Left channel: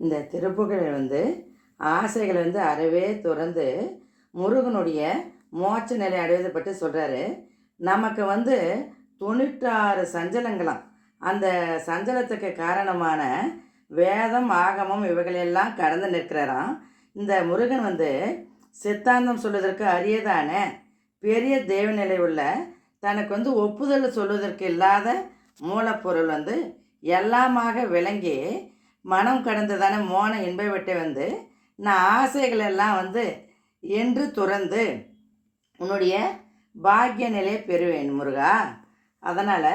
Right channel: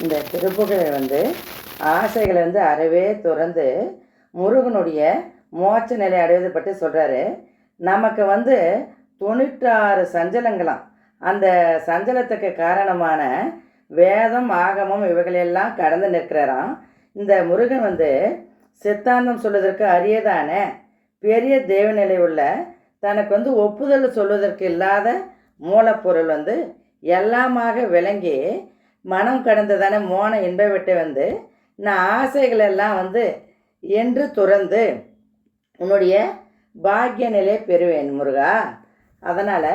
இந்த திருப்புகளை வந்து ஆசைகளை வந்து அறவே துறந்து முருகனுடைய மோட்ச நிலை அடைவது பற்றி சொல்கிறாரு நமக்கு வந்து தொண்ணூற்றாறு சஞ்சலங்களாம். அந்த சஞ்சலத்துக்கு காரணமான வேதம் ஆகமம் இவைகளெல்லாம் கடந்து நிற்கிறாராம். இந்த முருகன் வந்து சித்தாந்தம் சொல்வதற்கு அரியதான பெரிய தேவநிலை உள்ள தனக்கு வந்து ஒப்புதல் சொல்வதற்கு இல்லாத மூலப்பொருள் வந்து எல்லாமாக விளங்கி மனம் கடந்ததான மோன இன்ப விட்டு வந்து நான் ஆசைகளெல்லாம் வந்து என்று துறந்து உன்னுடைய பாக்கிய நிலையை பெறுவேன் முருகா. அதனால்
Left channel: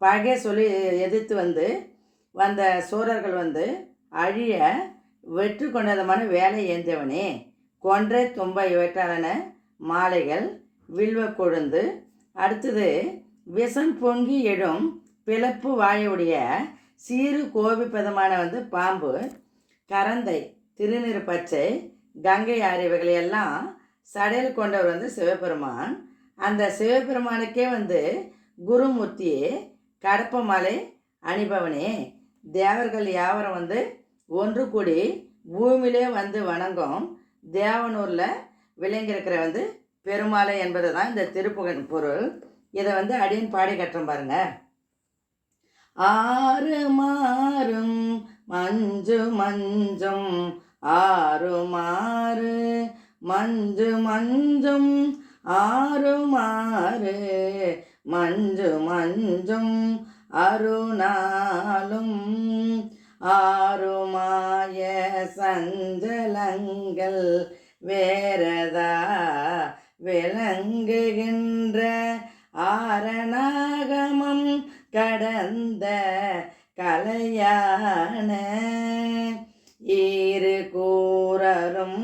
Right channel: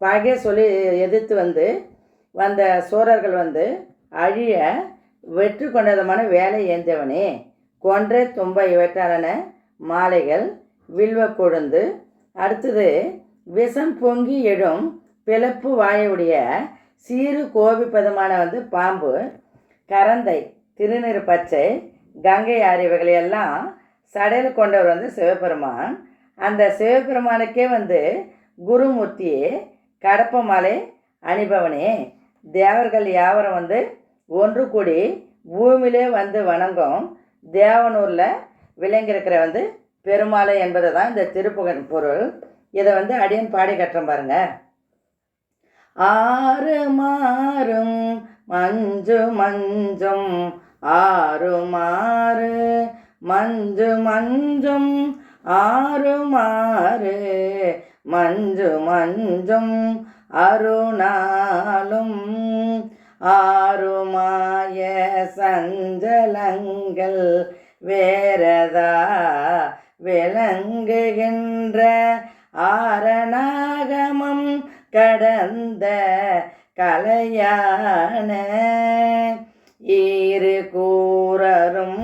பகைய சொல்லி எதிர்த்து வந்து வந்த சோழர்கள் வந்து அழிய வெற்றி கொண்டதமான வேலை ஏந்தவனே கொன்றே தும்ப இவற்றாலான மாலைகள் வில்வ கொழுந்து அடுத்தது விஷம் பொங்கி எழும் பிளப்பு வாயுடைய சீறு கோபிப்பதமான வந்து பாம்பு கரந்தை திருநீர் பச்சை கங்கை ஆறு எல்லாம் சடையில் கொண்டவர் வந்து சிவபெருமான். அந்த சிவபெருமானுக்கே வந்து குருமூர்த்தியே கடப்பமலை அணிபவனே. தேவர்கள் யாவரும் வந்து ஒன்று கூடி பூமியிலே வந்து வணங்கும். தேவனூரில் விளங்கியிருக்கிற வந்து பெருமாளை என்பது தான் இந்த திருப்புகன் பொருள். இதை வந்து அடியன் பாடி கட்டுறோம் பாருங்கள் ஆறு மாறும் மஞ்சு மஞ்சும் ஆறு மாறு மஞ்சு மஞ்சும் ஆறு மாறு மஞ்சு மஞ்சும் அருணாலும் ஆறுமாய சஞ்சலங்கள் வேறதா விளங்குகின்ற ஆரணாகமம் கடந்த கலையான இரு கூறரும்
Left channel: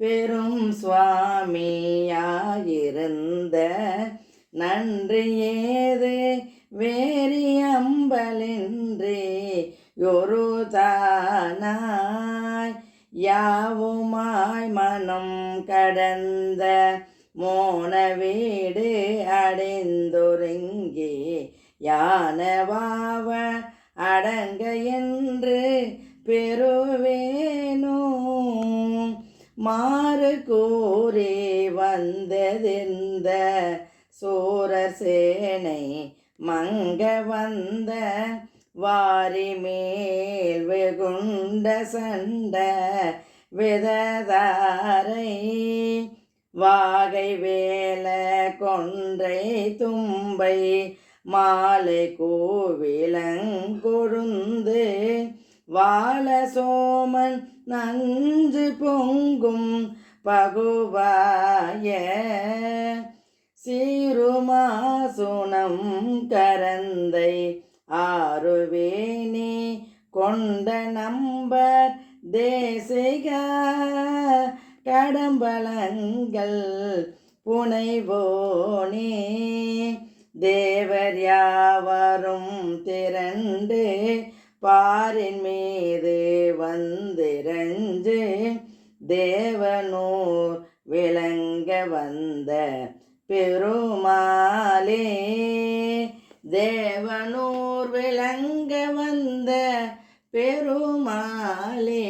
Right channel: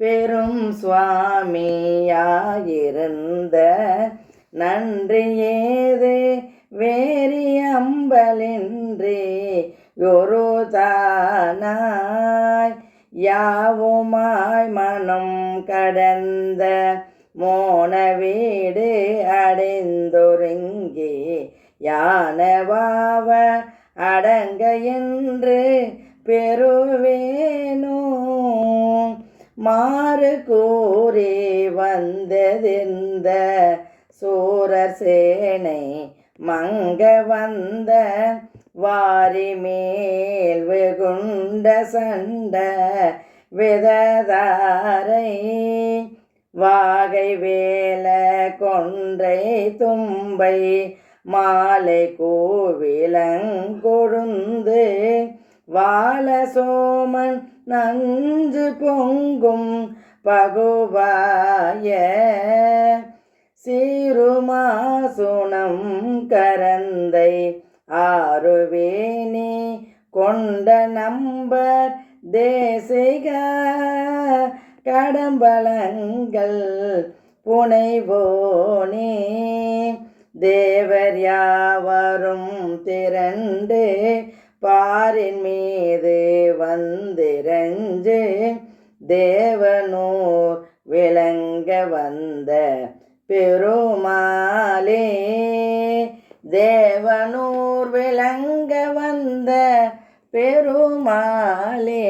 பெரும் சுவாமியாயிருந்த நன்றி ஏது வேரி அம்பலின்றி ஒரு தானாய் யாவுமாய் மனம் கடந்த மோன வீடு பெறுவேனோ? மாறு கூறி வந்ததெந்த சூரர் சேனை மங்க வந்த வாரி மேல் வெகுண்ட சண்ட விததாரை வாகை வேல கொன்றை தும்பை மாலை கோவிலங்கொழுந்து வாழசோமன் நஞ்சு பொங்கும் பகுவாய. சீருமாசுனம் கரந்தை ஆறுவேணி கொண்ட நம்பர் தேசிக. கடம்பலங்கள் புனைவோனே தேவர் யாவரும் திரண்டு பாரின் மீது வந்திரஞ்சு தேவனூர் விளங்க வந்த பெருமாளே தேவனூர் விளங்க வந்த பெருமாளே.